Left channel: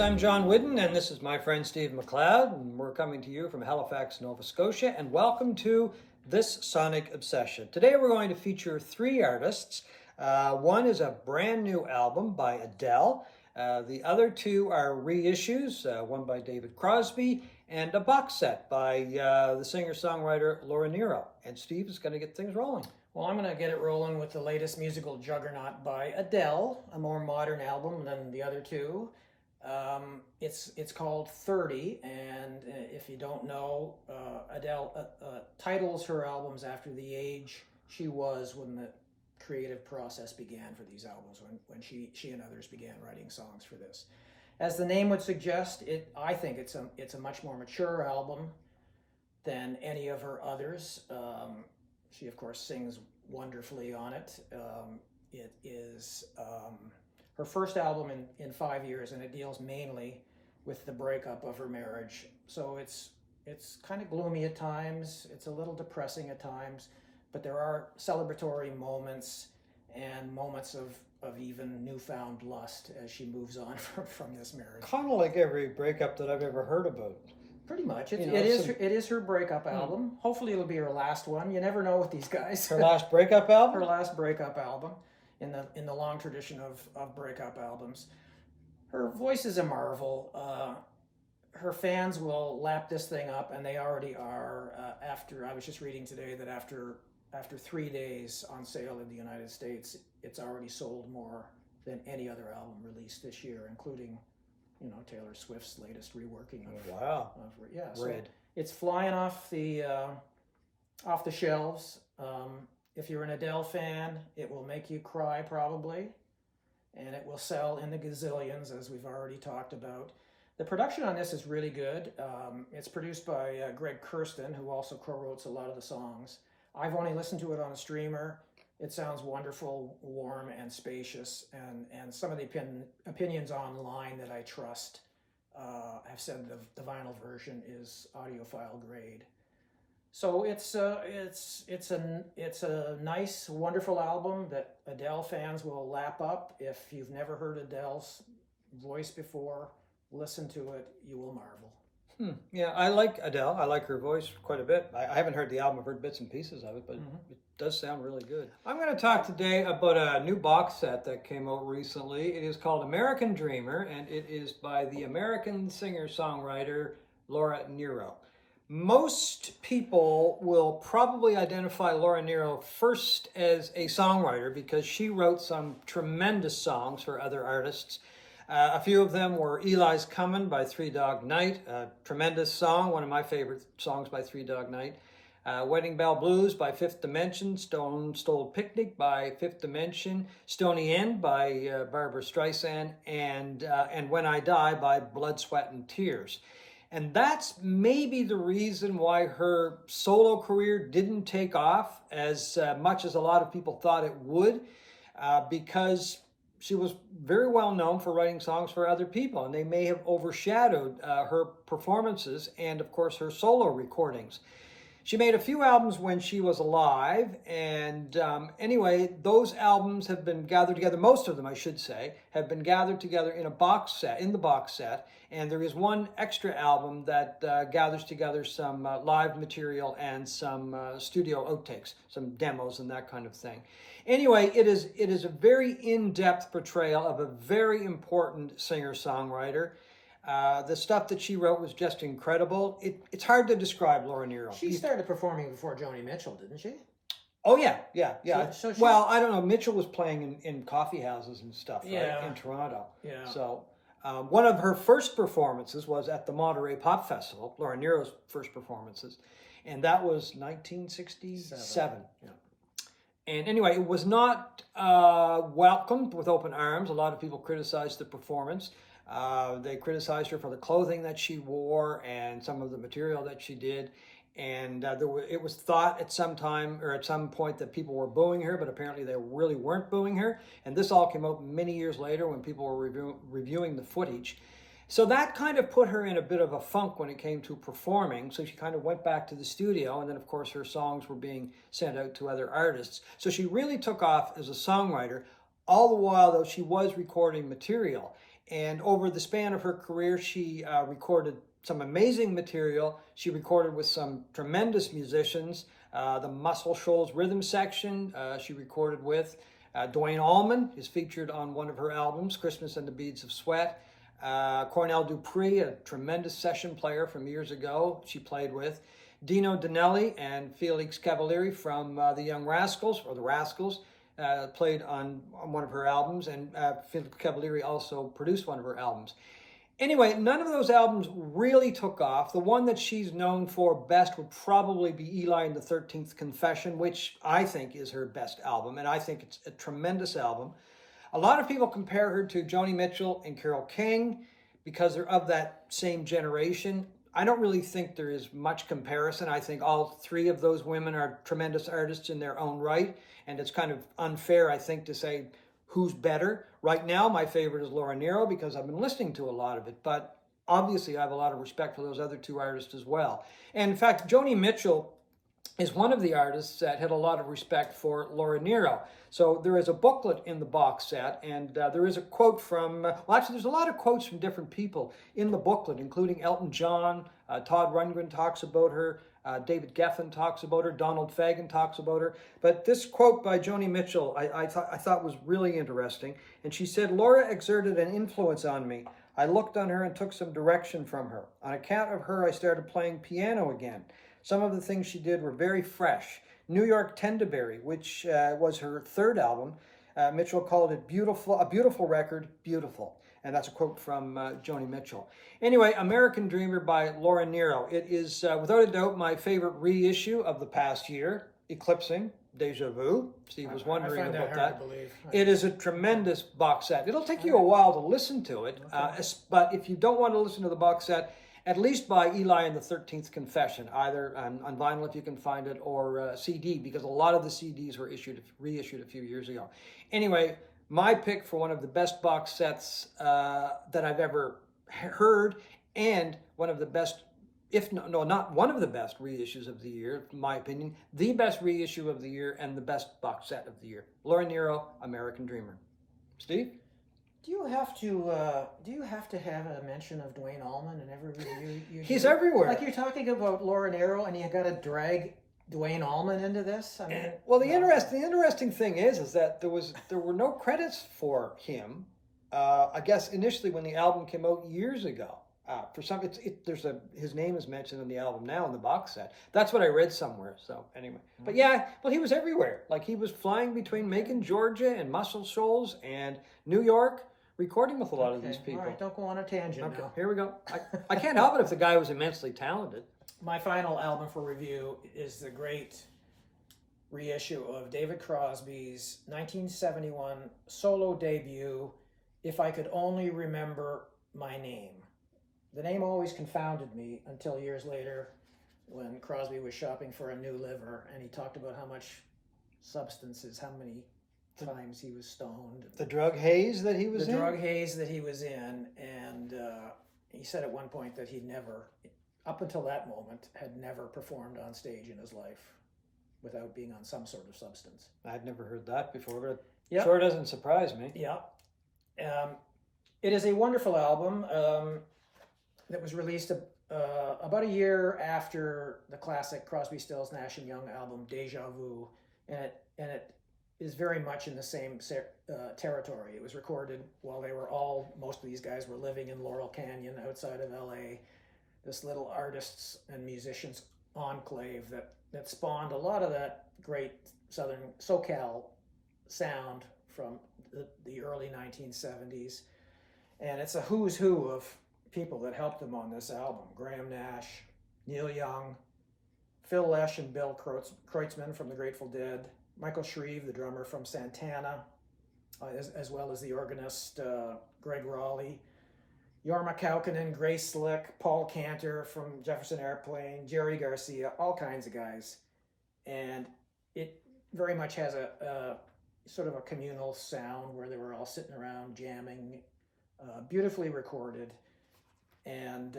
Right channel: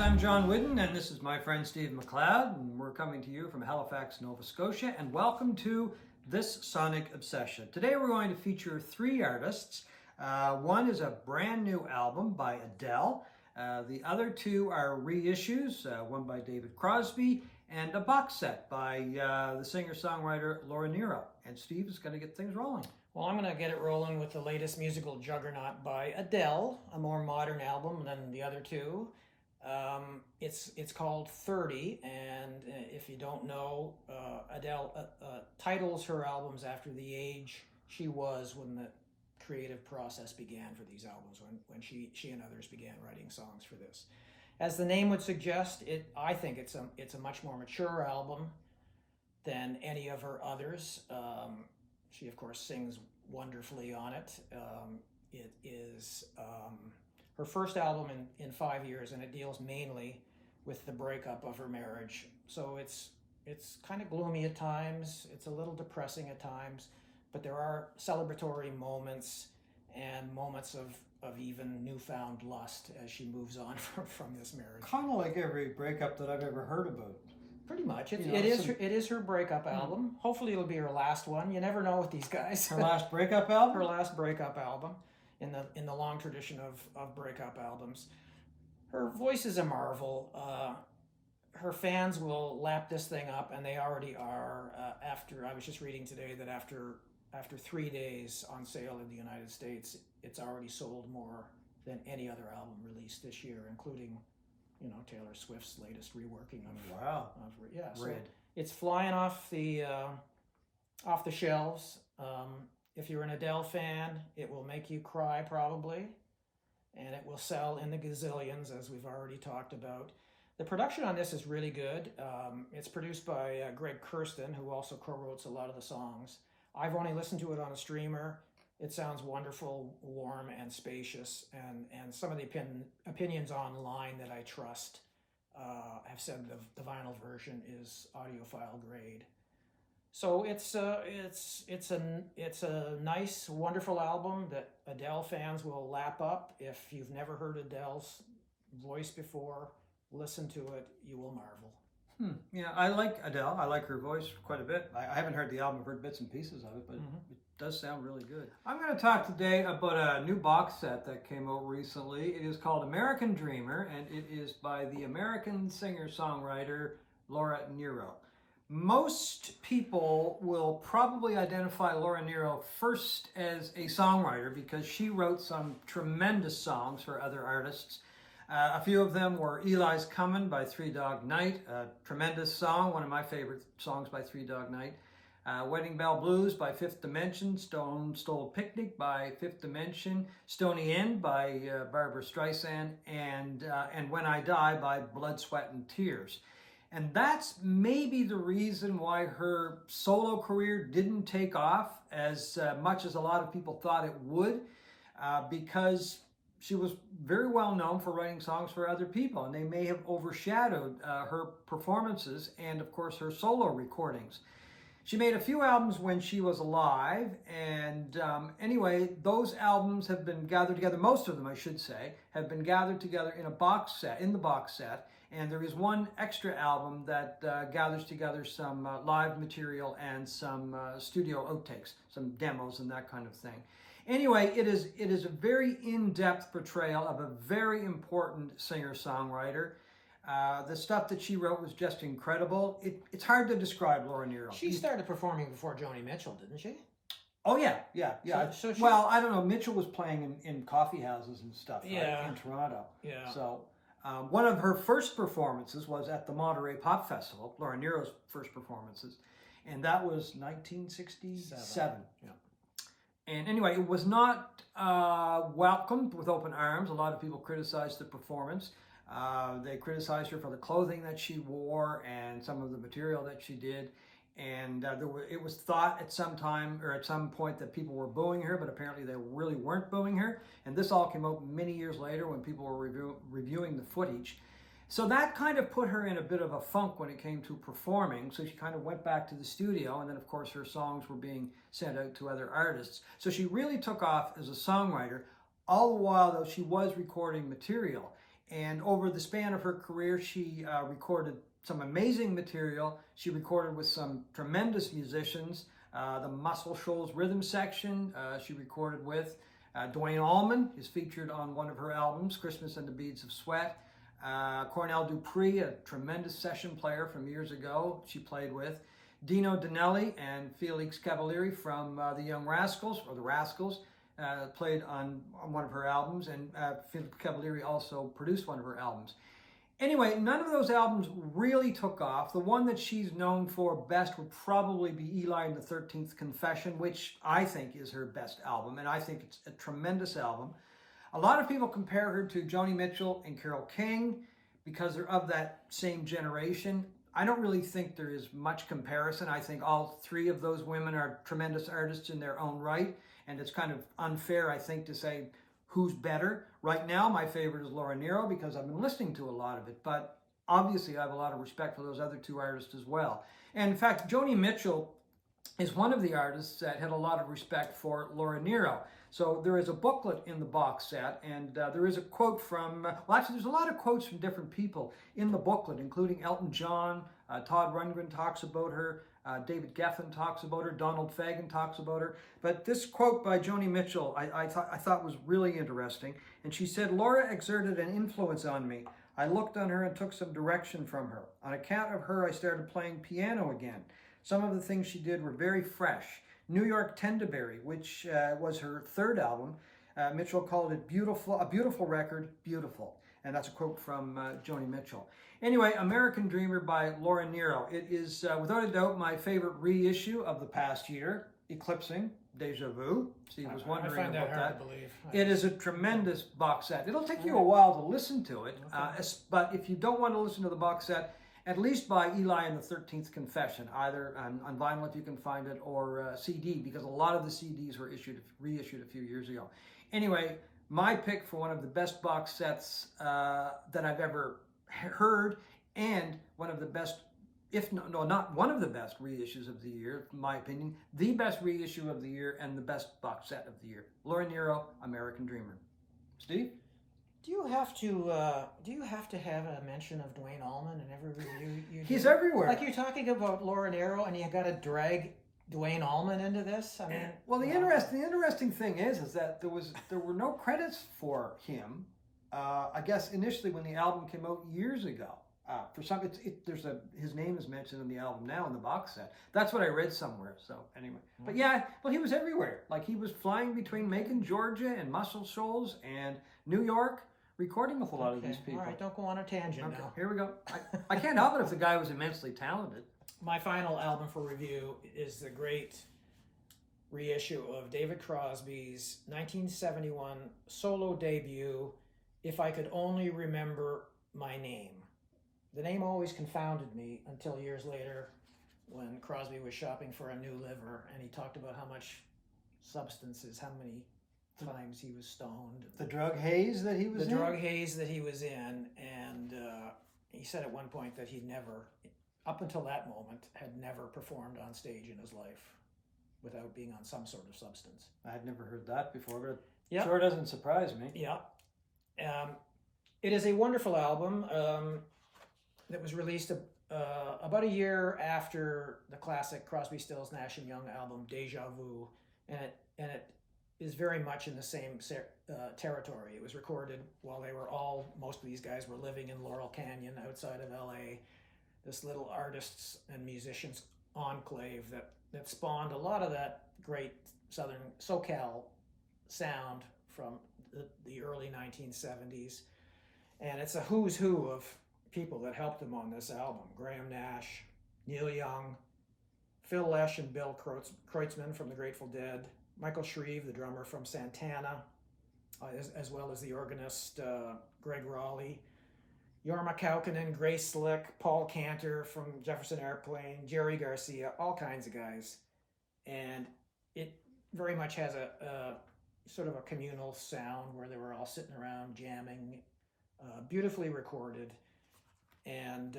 I'm John Whidden, and this is my friend Steve McLeod, and we're coming to you from Halifax, Nova Scotia, and welcome to This Sonic Obsession. Today we're going to feature three artists. One is a brand new album by Adele. The other two are reissues, one by David Crosby, and a box set by the singer-songwriter Laura Nyro. And Steve is going to get things rolling. Well, I'm going to get it rolling with the latest musical juggernaut by Adele, a more modern album than the other two. It's called 30, and if you don't know, Adele titles her albums after the age she was when the creative process began for these albums, when she and others began writing songs for this. As the name would suggest, I think it's a much more mature album than any of her others. She, of course, sings wonderfully on it. It is her first album in 5 years, and it deals mainly with the breakup of her marriage. So it's kind of gloomy at times. It's a little depressing at times, but there are celebratory moments and moments of even newfound lust as she moves on from this marriage. Kind of like every breakup that I've ever heard about. Pretty much. It is her breakup album. Hopefully it'll be her last one. You never know with these guys. Her last breakup album? Her last breakup album in the long tradition of breakup albums. Her voice is a marvel. Her fans will lap this thing up, and they already are. I was just reading today that after 3 days on sale in the United States, it's already sold more than any other album released this year, including Taylor Swift's latest reworking of so Red. It's flying off the shelves. If you're an Adele fan, it will make you cry probably, and it will sell in the gazillions, as we've already talked about. The production on this is really good. It's produced by Greg Kurstin, who also co-wrote a lot of the songs. I've only listened to it on a streamer. It sounds wonderful, warm, and spacious, and some of the opinions online that I trust have said the vinyl version is audiophile grade. So it's a nice, wonderful album that Adele fans will lap up. If you've never heard Adele's voice before, listen to it. You will marvel. Yeah, I like Adele. I like her voice quite a bit. I haven't heard the album. I've heard bits and pieces of it, but it does sound really good. I'm going to talk today about a new box set that came out recently. It is called American Dreamer, and it is by the American singer-songwriter Laura Nyro. Most people will probably identify Laura Nyro first as a songwriter because she wrote some tremendous songs for other artists. A few of them were Eli's Comin' by Three Dog Night, a tremendous song, one of my favorite songs by Three Dog Night. Wedding Bell Blues by Fifth Dimension, Stone Stole Picnic by Fifth Dimension, Stony End by Barbra Streisand, and When I Die by Blood, Sweat, and Tears. And that's maybe the reason why her solo career didn't take off as much as a lot of people thought it would, because she was very well known for writing songs for other people, and they may have overshadowed her performances and, of course, her solo recordings. She made a few albums when she was alive, and anyway, those albums have been gathered together, most of them, I should say, have been gathered together in the box set, and there is one extra album that gathers together some live material and some studio outtakes, some demos and that kind of thing. Anyway, it is a very in-depth portrayal of a very important singer-songwriter. The stuff that she wrote was just incredible. It's hard to describe Laura Nyro. She started performing before Joni Mitchell, didn't she? Oh, yeah. So well, I don't know. Mitchell was playing in coffee houses and stuff right, in Toronto. Yeah. So one of her first performances was at the Monterey Pop Festival, Laura Nyro's first performances, and that was 1967. Yeah. And anyway, it was not welcomed with open arms. A lot of people criticized the performance. They criticized her for the clothing that she wore and some of the material that she did. And it was thought at some time or at some point that people were booing her, but apparently they really weren't booing her. And this all came out many years later when people were reviewing the footage. So that kind of put her in a bit of a funk when it came to performing. So she kind of went back to the studio, and then of course her songs were being sent out to other artists. So she really took off as a songwriter, all the while though she was recording material. And over the span of her career, she recorded some amazing material. She recorded with some tremendous musicians. The Muscle Shoals Rhythm Section she recorded with. Duane Allman is featured on one of her albums, Christmas and the Beads of Sweat. Cornell Dupree, a tremendous session player from years ago, she played with. Dino Danelli and Felix Cavalieri from the Young Rascals, or the Rascals, played on one of her albums, and Felix Cavalieri also produced one of her albums. Anyway, none of those albums really took off. The one that she's known for best would probably be Eli and the 13th Confession, which I think is her best album, and I think it's a tremendous album. A lot of people compare her to Joni Mitchell and Carole King because they're of that same generation. I don't really think there is much comparison. I think all three of those women are tremendous artists in their own right, and it's kind of unfair, I think, to say who's better. Right now, my favorite is Laura Nyro because I've been listening to a lot of it, but obviously I have a lot of respect for those other two artists as well. And in fact, Joni Mitchell is one of the artists that had a lot of respect for Laura Nyro. So there is a booklet in the box set, and there is a quote from, well, actually there's a lot of quotes from different people in the booklet, including Elton John, Todd Rundgren talks about her, David Geffen talks about her, Donald Fagen talks about her. But this quote by Joni Mitchell I thought was really interesting. And she said, "Laura exerted an influence on me. I looked on her and took some direction from her. On account of her, I started playing piano again. Some of the things she did were very fresh. New York Tendaberry, which was her third album, Mitchell called it beautiful, a beautiful record, beautiful." And that's a quote from Joni Mitchell. Anyway, American Dreamer by Laura Nyro. It is, without a doubt, my favorite reissue of the past year, eclipsing Deja Vu. Steve was wondering about that. It is a tremendous box set. It'll take you a while to listen to it, but if you don't want to listen to the box set, at least buy Eli and the 13th Confession, either on vinyl if you can find it, or CD, because a lot of the CDs were reissued a few years ago. Anyway, my pick for one of the best box sets that I've ever heard, and one of the best, if no, not one of the best reissues of the year, in my opinion, the best reissue of the year and the best box set of the year. Laura Nyro, American Dreamer. Steve? Do you have to have a mention of Duane Allman in every review you do? He's everywhere. Like, you're talking about Laura Nyro and you got to drag Duane Allman into this? I mean, well, the interesting thing is that there were no credits for him. I guess initially when the album came out years ago. For some, his name is mentioned in the album now in the box set. That's what I read somewhere. So anyway, but yeah, well, he was everywhere. Like, he was flying between Macon, Georgia, and Muscle Shoals and New York, recording with a lot of these people. All right, don't go on a tangent now. Here we go. I can't help it if the guy was immensely talented. My final album for review is the great reissue of David Crosby's 1971 solo debut, If I Could Only Remember My Name. The name always confounded me until years later when Crosby was shopping for a new liver and he talked about how much substances, how many times he was stoned. The drug haze that he was in? The drug haze that he was in. And he said at one point that he never, up until that moment, had never performed on stage in his life without being on some sort of substance. I'd never heard that before, but it sure doesn't surprise me. Yeah. It is a wonderful album that was released about a year after the classic Crosby, Stills, Nash & Young album, Deja Vu, and it is very much in the same territory. It was recorded while most of these guys were living in Laurel Canyon outside of LA, this little artists and musicians enclave that spawned a lot of that great Southern SoCal sound from the early 1970s. And it's a who's who of people that helped him on this album. Graham Nash, Neil Young, Phil Lesh and Bill Kreutzmann from the Grateful Dead, Michael Shreve, the drummer from Santana, as well as the organist Greg Raleigh, Jorma Kaukonen, Grace Slick, Paul Cantor from Jefferson Airplane, Jerry Garcia, all kinds of guys. And it very much has a sort of a communal sound where they were all sitting around jamming, beautifully recorded. And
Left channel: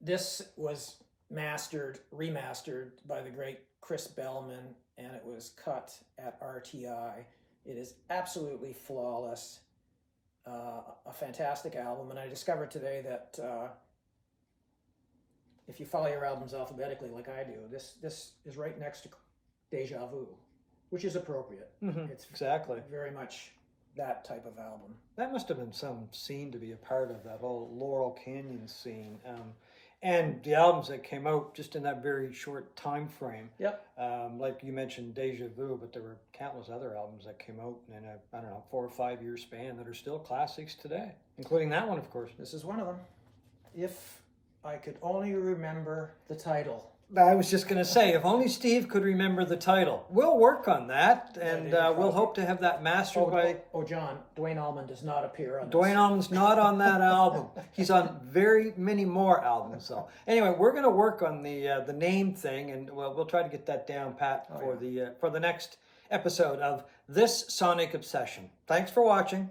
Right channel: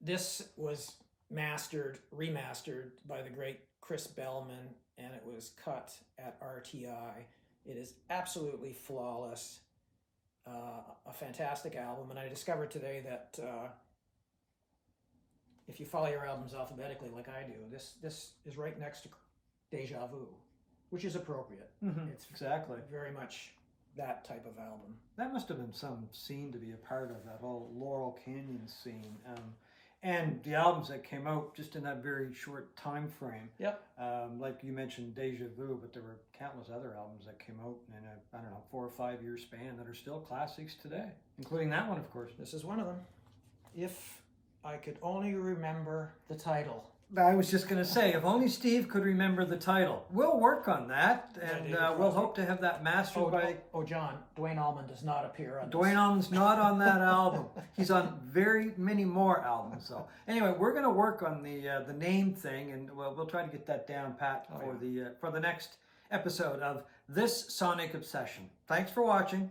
this was remastered by the great Chris Bellman, and it was cut at RTI. It is absolutely flawless. a fantastic album, and I discovered today that if you follow your albums alphabetically like I do, this is right next to Deja Vu, which is appropriate. It's Exactly. very much that type of album. That must have been some scene to be a part of, that whole Laurel Canyon scene. And the albums that came out just in that very short time frame. Yep. Like you mentioned Deja Vu, but there were countless other albums that came out in a, I don't know, 4 or 5 year span that are still classics today, including that one, of course. This is one of them. If I could only remember the title. I was just going to say, if only Steve could remember the title. We'll work on that, and we'll hope to have that mastered by... Oh, John, Duane Allman does not appear on Duane Allman's not on that album. He's on very many more albums, though. Anyway, we're going to work on the name thing, and we'll try to get that down pat for the next episode of This Sonic Obsession. Thanks for watching.